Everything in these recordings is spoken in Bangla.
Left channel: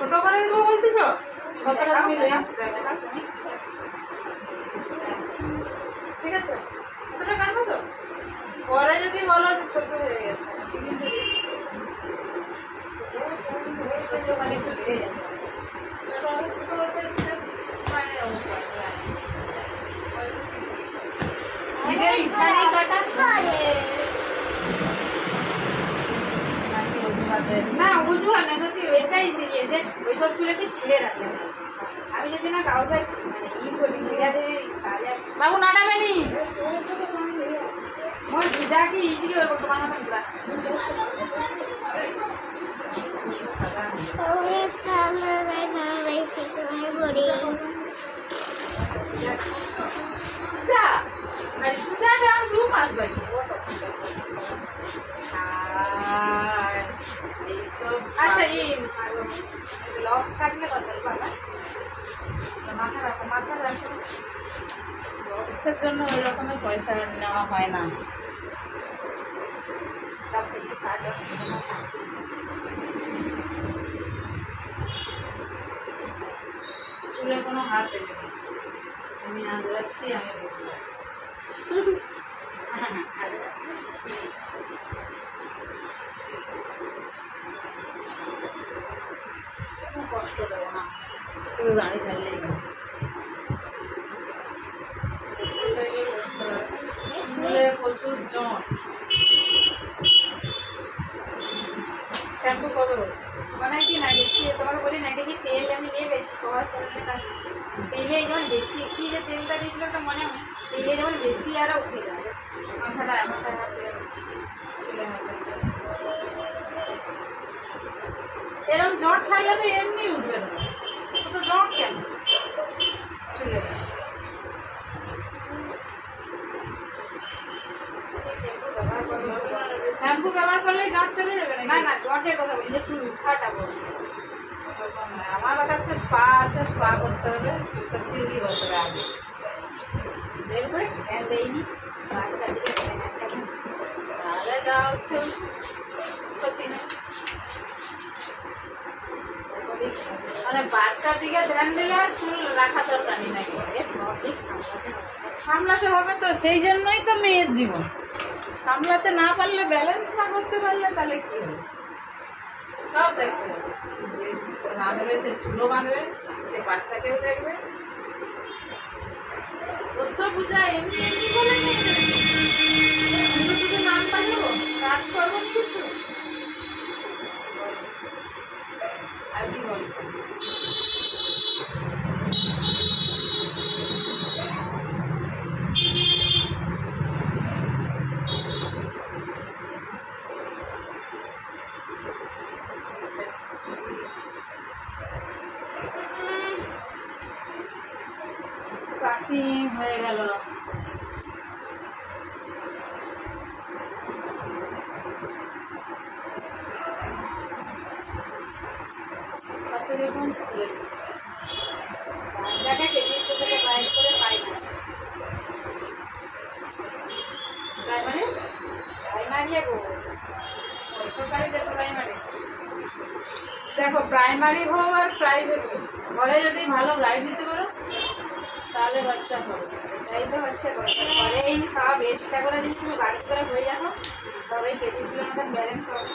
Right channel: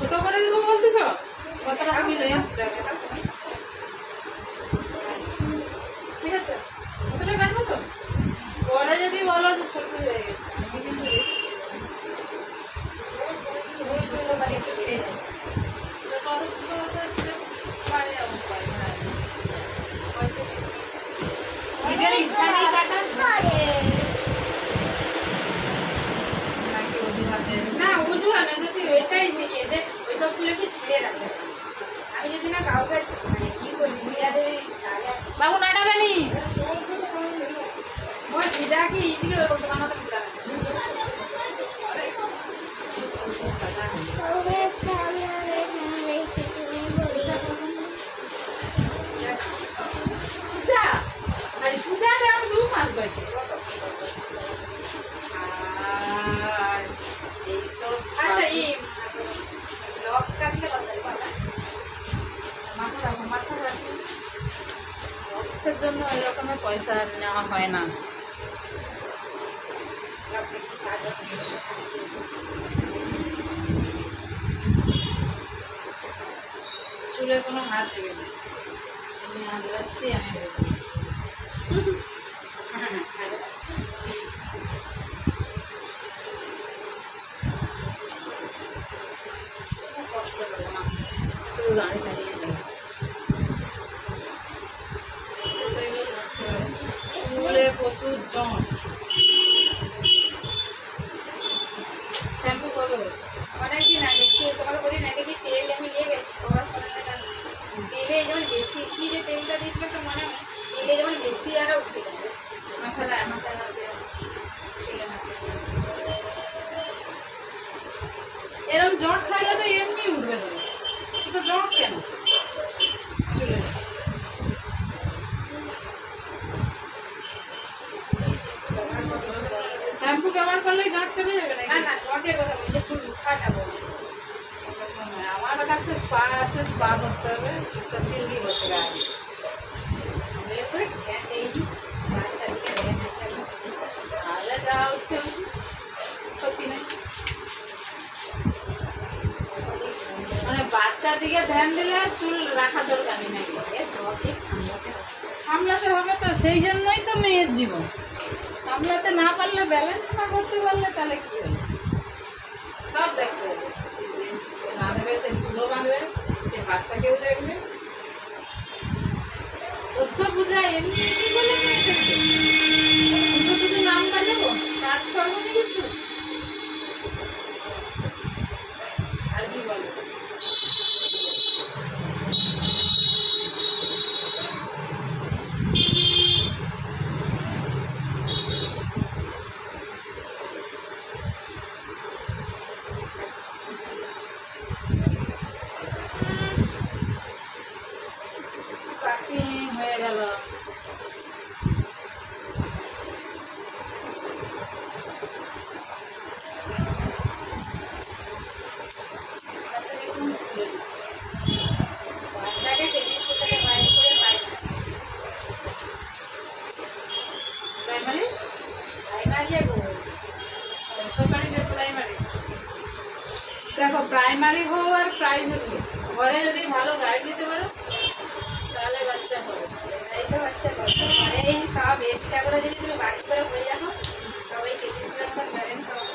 ছোট করে দিব বলতেছ কতটা তুমি ঠিক আছে কতটা কাটবো তো পরে যদি বলো যে ছোট হয়ে গেছে আমি কিন্তু ছোট মানে একটু বেড়ে যায় ছোট হতে ইচ্ছে নিজের ইচ্ছা নেই কাটার না উজু হয় না সত্যি ওইটাই দিয়ে যে ওইসব চুলেকে ছিঁড়ে রাখতে আমি যদি না কাউকে মানে ই করি ছিঁড়া দেবে তাহলে বাবু নাড়াবেনি মোর ভিজা কি ইজি করবো তোমার মতো পুরা পূজা আরে পূজা দেওয়ার 2 মাস বাকি এইসব আচ্ছা এই লক্স থাকলে কথা বলবো না মাথা রাখো লক্সের জন্য ওই রকমের পয়সা নেওয়া হয় না লক্স একটু কাজ আছে চুলে কোনো হাত দেবে না আমি আঁচড়াচ্ছি আমি কষ্ট দেবো না শুধু দাঁড়িয়ে থাকলেই হবে চুলে প্রচুর জট শ্যাম্পু কবে হচ্ছে অনেকদিন আগে তোমাকে বলি না এটা কি তেল আমি নিয়ে গেছি কভার করলে না তেলে যেমন বেশি কি যে তেলটা দিয়েছিল তো মনে হয় তেলে যেমন বেশি আরও উঠে যাবে মাথাটা হাতে চুলে মাথা এরকম জট থাকলে তো এমনি উঠবে দেবে তো জট কেন চুলে শ্যাম্পু ব্যবহার করলে জট চলে যাবে না না জটের কথা বলি যে চুল উঠাটা বল আমার কাছে স্পা আছে স্পা করতে হবে চুলটা সিল্কি করতে হবে আগে বের করে ধ্যান দেয়নি বাচ্চাদিকে ধ্যান আছে তাহলে যা হচ্ছে ক্ষতি নেই মানে বাচ্চার দিকে ধ্যান দিলে চুল রাখা দরকার নেই নাকি সামলাতে হবে তো সেই জন্যই তো মেয়ের জীবন সামলাতে না পারলে ব্যালেন্স না করতে পারলে তাহলে কি হবে সব দেখতে হবে না দেবে সে চুলও বাঁধবে সে বাচ্চাকেও দেখবে ওসব বুঝা এমনি এমনি বলে মেয়েদেরকে শুধু শুধু নাম বাজাবো কাজ করবো না কিছু আর কি বলবো হয়ে গেল বাচ্চাকে কোন স্কুলে দিচ্ছে বাচ্চাকে কেজি স্কুল থেকে বাইরে করে পাই না প্রাইমারি প্রাইমারি গো সরকারি যে প্রাইমারি দেখো প্রাইমারি হোক আর প্রাইভেট হোক ঘরে যদি ভালো গাইড দিতে পারো তাহলে বাচ্চা হবে সেটাই তো হচ্ছে ঘরে এই সব এক্সট্রা করে যদি তুমি বাড়ি করে হয়ে যাবো তবে কেজি স্কুলের মতন ব্যালেন্স হবে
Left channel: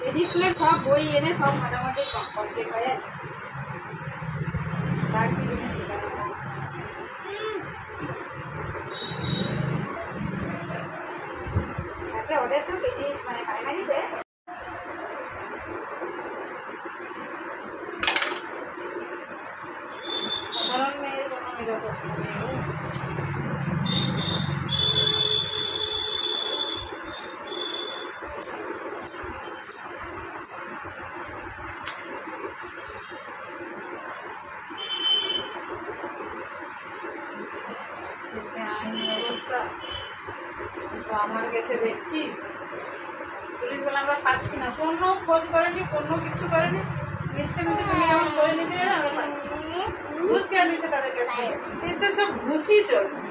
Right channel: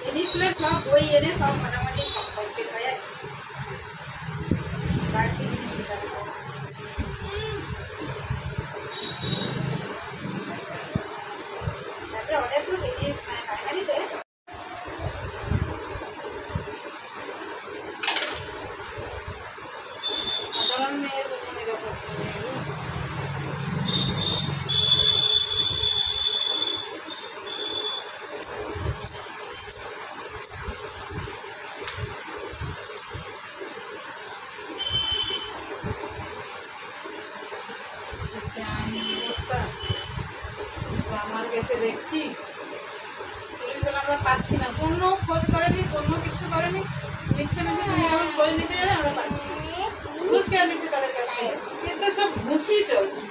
কেজি স্কুলের সব বই এনে সব মোটামুটি কমপ্লিট হয়ে যাবে বাড়তি জিনিস শেখাতে হবে তারপরে ওদের তো কেজি মানে প্রাইমারিতে সাধারণ মেয়ের কোনো নিরাপত্তা নেই আইন ব্যবস্থা আমার কাছে দেখছি পুলিশ বলে আমরা পাচ্ছি না কোনো খোঁজ করেনি কোনো কিছু করেনি নিচ্ছে মধ্যে তুমি আমার খোঁজ নিতে যাবে আমরা পাচ্ছি না ঘুষ কেন নিচ্ছে তাদের কাছে কিন্তু সব ঘুষই চলছে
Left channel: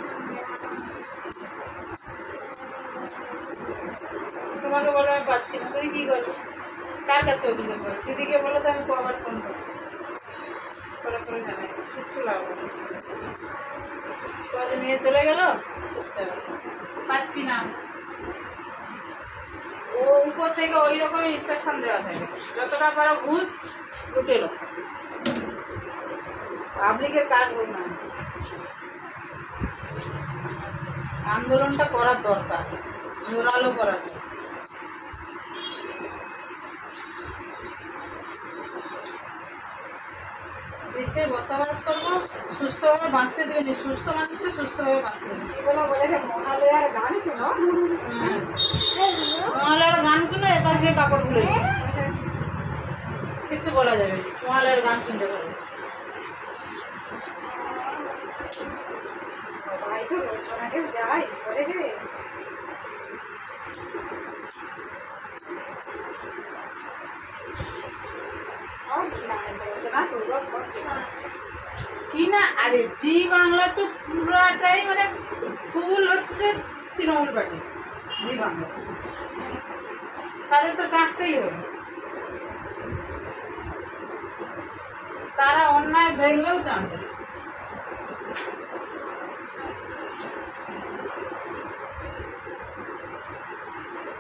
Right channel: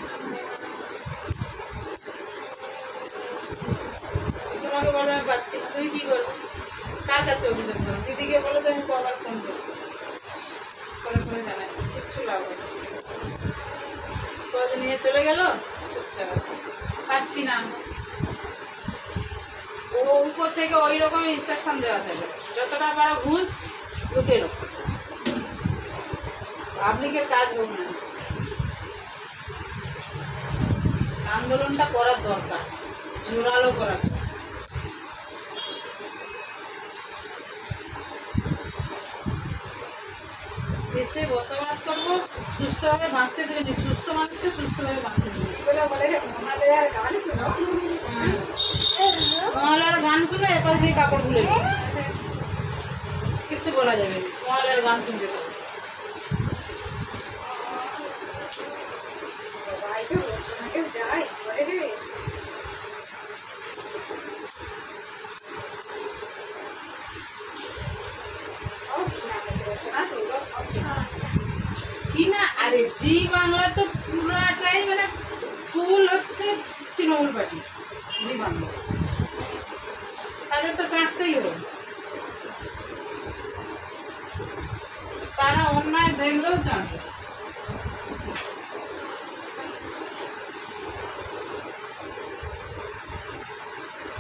তোমাকে বলবো আমি পাচ্ছি না, তুমি কি করবে? কার কাছে অভিযোগ করো? দিদিকে বলো তো, আমি কবার ফোন করছি, করে করে জানাই, কিচ্ছু লাভ হবে না। খোঁজ নিয়ে চলে গেল, চুপচাপ আছে, পাচ্ছি না। ও উপর থেকে ওই রকম ইনস্ট্রাকশন দেওয়া থাকে, যতটা পারো ঘুষ লুটে লো, পাবলিকের কাজ হোক না। আন্দোলনটা করার দরকার, জোরালো করার দরকার। দেশে বসবাস করবো, সুস্থভাবে বাঁচতে দেবেনি, সুস্থ মানুষকে সুস্থভাবে বাঁচতে দেবেনি। এগুলো বলে যে মহালয়ার গান শুনো, মহালয়ার গান শুনে এপাশ দিয়ে কাপড় খুলে নেবে, কিচ্ছু বলা যাবে না, মহালয়ার গান শুনতে পাবে। সবাই তো রোজনাকেও যায় করে রে। সব না আছে রচনা সৌরভ সব কি না, আরে জি বাংলা তো পুরাটাই মানে ফুল হচ্ছে তৃণমূল পার্টি। জি বাংলা তাদের তো চাটতেই হবে, তারা অন্যায় দেখলেও চাটবে।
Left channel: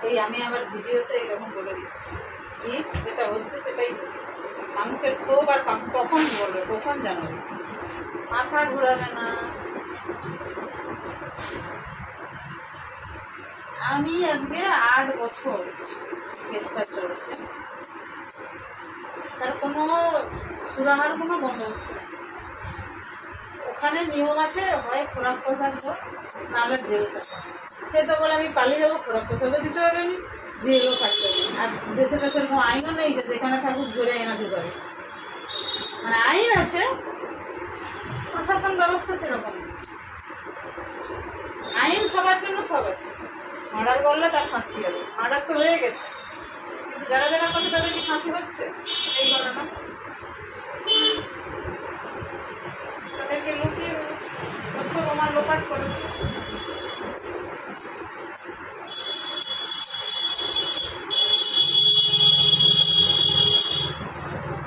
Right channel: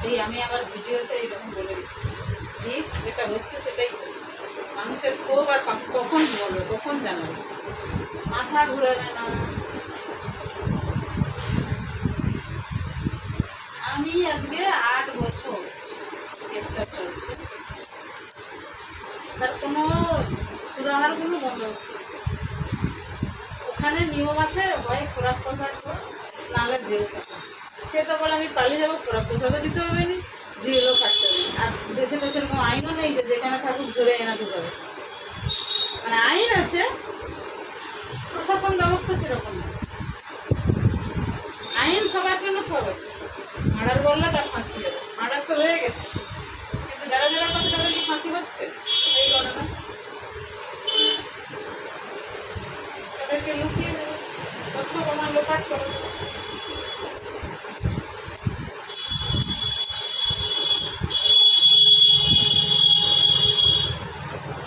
এই আমি আবার ভিডিওতে এরকম বলে দিচ্ছি, ঠিক যেটা হচ্ছে সেটাই হচ্ছে। মানুষের ক্ষোভ আর কখন বলবে, কখন জানাবে, মাথা ঘুরাবে না। আমি আজকে 8 বছর কেসটা চলছে, তার কোনো সুরাহার কোনো বন্দোবস্ত নেই। ওখানে নিয়ম আছে, হয় খোরাক পোশাক হোক, নাহলে জেল কাটা। সে তো বলে আমি পালিয়ে যাবো, খোরাক পোশাকও দিতে হবে না, জেলও কাটতে হবে না। আর দেশে তো সেরকম আইনও নেই যে যেখানে থাকুক ধরে এনে ঢুকাবে, মানে আইন আছে, প্রশাসন ব্যবস্থা সেরকম না। আইন সবার জন্য সব আছে, মার্ডার করলে তার ফাঁসি হবে, মার্ডার তো হয়ে গেছে, কিন্তু যারা যারা করছে তাদের কি ফাঁসি হচ্ছে? এই ঘটনা তাদেরকে লুকিয়ে তথ্য প্রমাণ লোপাট করে।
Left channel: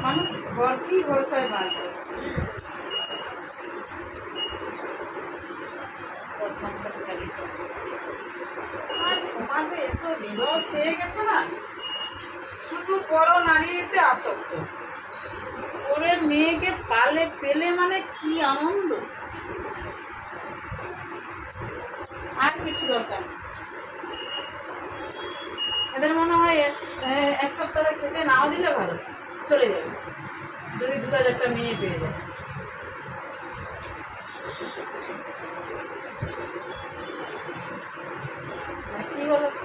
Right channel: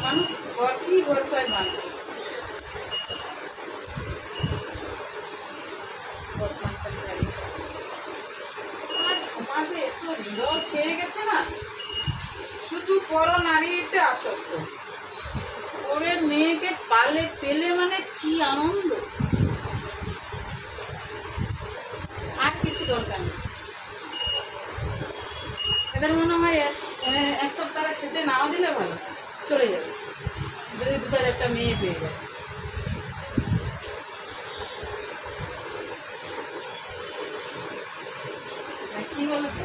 মানুষ কি ভরসায় বাঁধবে? আর সমাজে এত হৃদয় ছেয়ে গেছে না, শুধু পর নারীতে আসক্ত। ওরে মেয়েকে পালে পেলে মানে কি আনন্দ, আর কিছু দরকার নেই। এদের মনে হয় 1 সপ্তাহ খেতে নাও দিলে ভালো, চলে যাবে যদি 2-4টা মেয়ে পেয়ে যায়। কি বলো তো?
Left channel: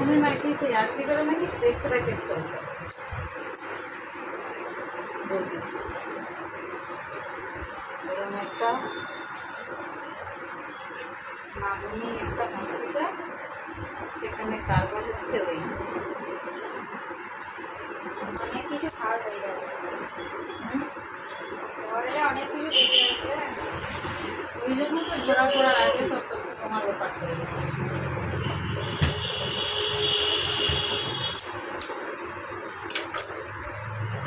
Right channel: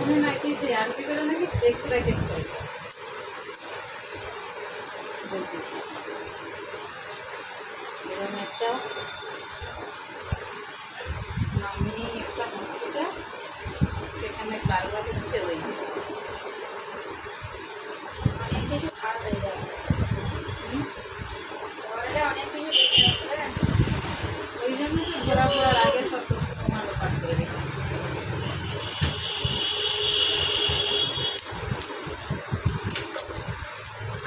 আমি নাকি সেই আরসি করে নাকি সেক্স র্যাকেট চলতো বলতেছি, এরকম একটা নামি একটা হসপিটাল, সেখানে কারবার হচ্ছে। ওই অনেক কিছু খাওয়া হয়ে যাবে, ঘরে অনেক কিছু দেখে যাচ্ছে। ওই জন্য তো ঘোরা করার আগে সব তথ্য তোমার ব্যাপার করে দিচ্ছি।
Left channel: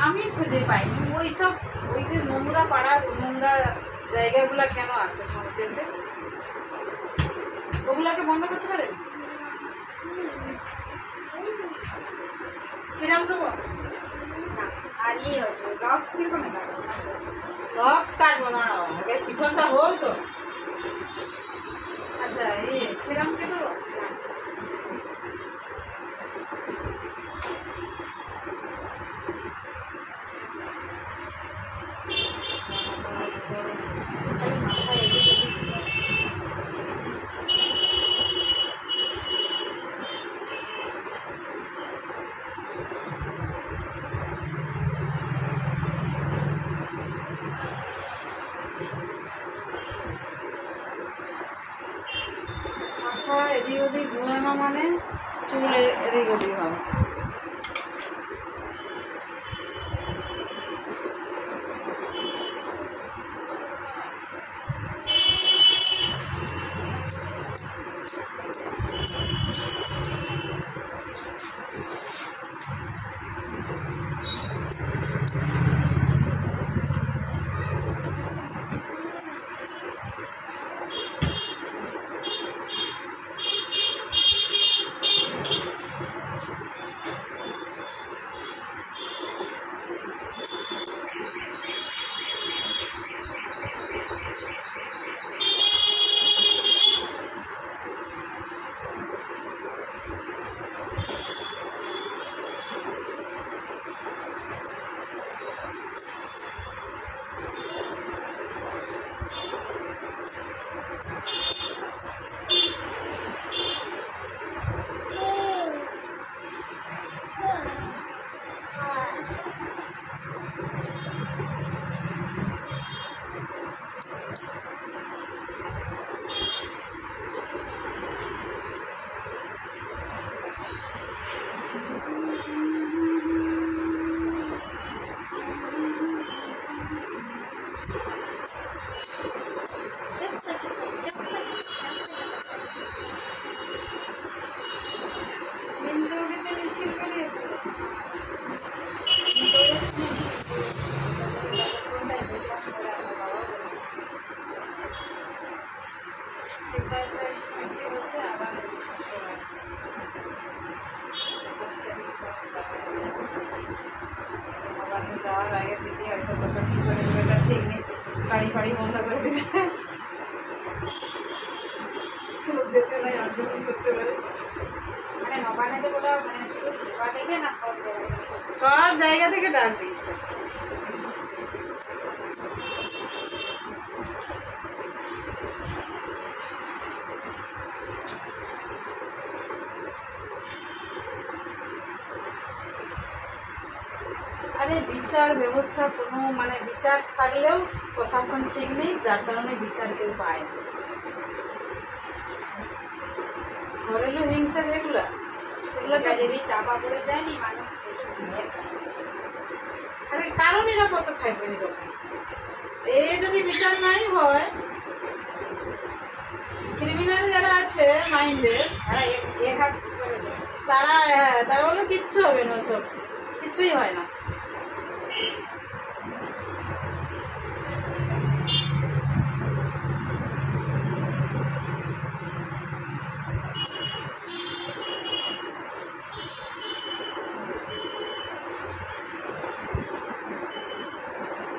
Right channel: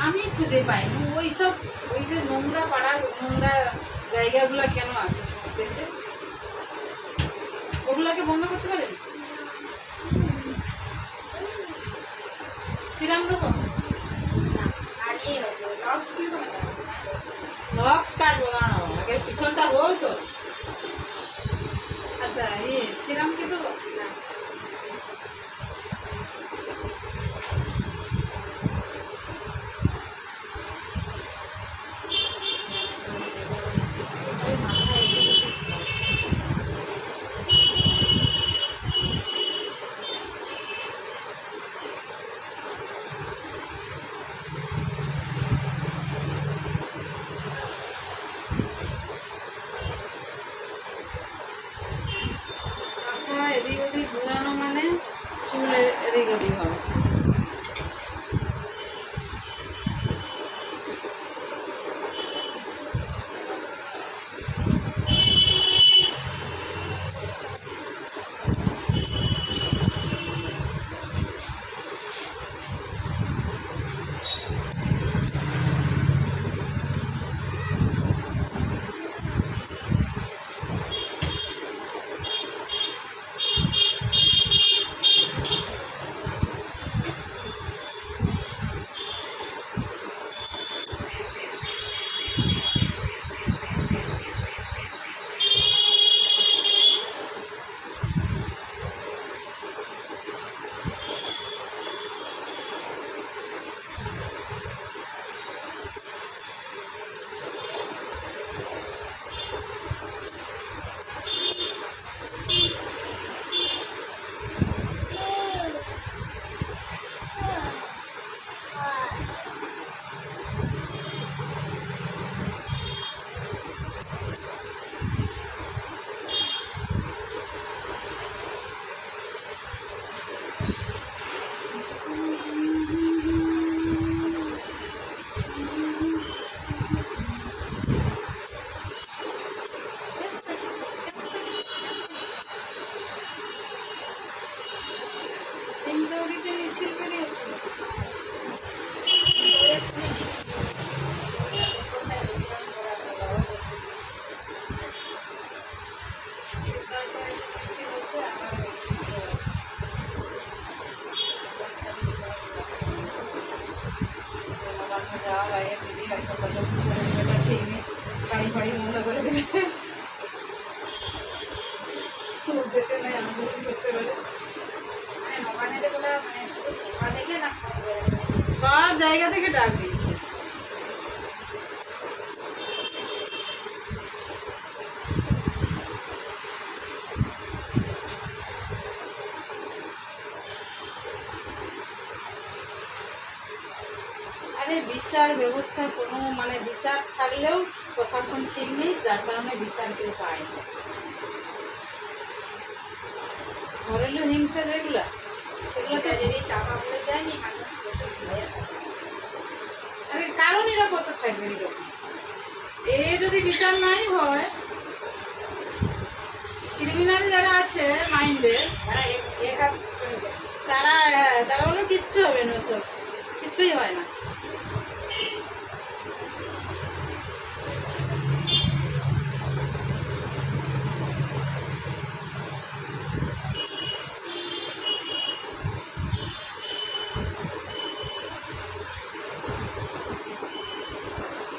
আমি খুঁজে পাইনি ওইসব, ওই যে নোংরা পাড়া, নোংরা জায়গাগুলা কেন আছে দেশে, ওগুলাকে বন্ধ করতে পারেন? সিরাম দেবো না, আর ইয়ে হচ্ছে লক্স কিন্তু মেটাবো, লক্স কাটবো না, আগে পিছনটা হোক তো। আচ্ছা সিরাম কে দেবো? না মাথায় এদিক ওদিক ঘোরানো মানে চুল এদিক ওদিক হবে। মিছিল বেরিয়েছিল। তো এটা শুনিনি, কিন্তু কোনটায় দেখলাম ওরা আমার বাবা বলছে। সেটা একটা মিছিল হচ্ছে আবার নবান্ন যাওয়ার আগে দিদি হয়তো কত কি করে দেবে তার ঠিক নেই, গাড়ি ফাড়ি বন্ধ করে দিলে যেতে নাই আন্দোলন করতে পারে। মানে নবান্নতে বলে মানে শুধু সেবা দেখে না সব জায়গায় দেখে? সব জায়গা থেকে ডাক দিয়েছে। আরে বিচার ব্যবস্থা কোনো মানে বিচার থাকলেও প্রশাসন ঠিক নেই, যার কারণে বিচার কেউ পায় না। ঘরেলো হিংসা যেগুলা সেগুলো ওটা যদি চাপা পড়ে যায়নি মানুষ প্রচুর ভয়ের কারণ। আরে কারো নিরাপত্তা থাকবে এরকম। এ যদি বিচার নাই হয়, ক্রিমিনাল যারা আছে মাইন্ডে যারা এঘাত করে দেয়। তারা হলো কিচ্ছু হবে না, সব কিছুই হয় না।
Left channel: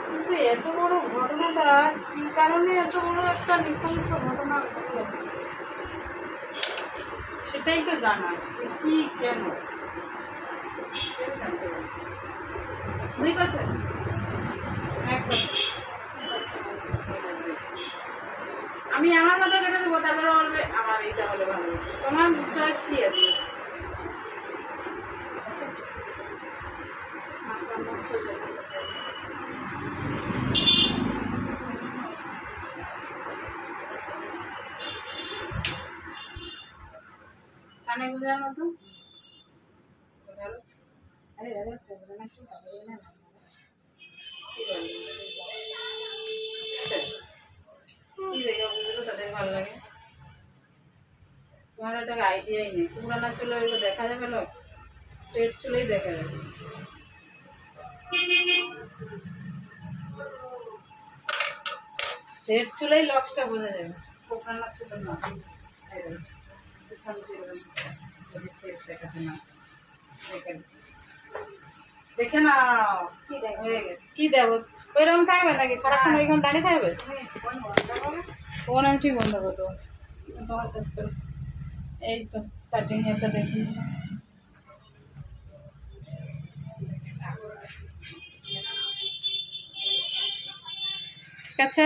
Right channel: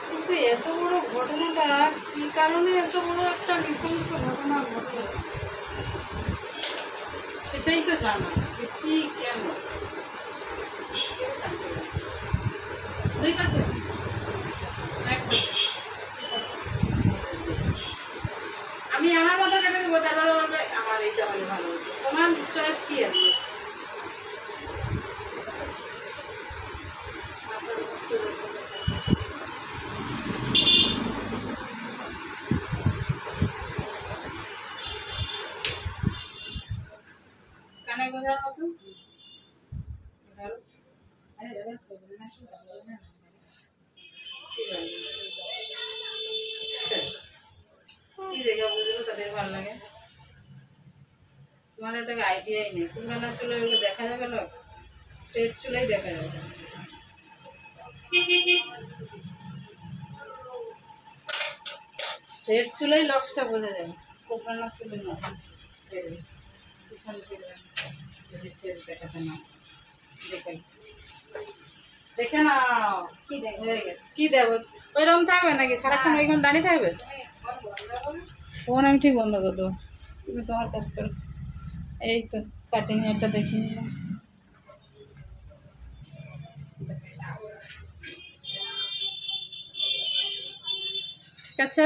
কিন্তু এত বড় ঘটনাটা কি কারণে এত বড় একটা নৃশংস ঘটনা ঘটলো সেটাই তো জানা, যে কি কেন কেউ জানতে পারে না। দুই পাশে একদম। আমি আমার মতো কেটে দেবো, তারপরে বলবে আমার এইটা হলে ভালো হতো। তোমার চয়েস কি আছে? মাথা মুখ সোজা সোজা থাকে। কানে গোজার মতো ধরো। আরে দাদা করবে না, কি করবে না, কি করবে? কি দেখে বুঝলো তাদের ভালো লাগে? তোমার একটা আইডিয়াই নেই। পুরানা চুলে ওগুলো দেখা যাবে, লক্স স্ট্রেট চুলেই দেখা যাবে। স্ট্রেট চুলেই লক্সটা বোঝা যাবে, পুরানা চুলে না। পিছন ফিরবে যদি ফেস দেখাতে না দেখে দেখে না কি দেয়? হয়ে গেছে। কি দেবো ওইরকম থাকবে নাকি সারাক্ষণ ওইখানে দাঁড়িয়ে থাকবে? তুমি ফোন বন্ধ করো। ফোন আমি ঠিক বন্ধ করে দেবো, তুমি তোমার কাজ করো। এই তো কাটিং একটা দেখি ঠিক আছে।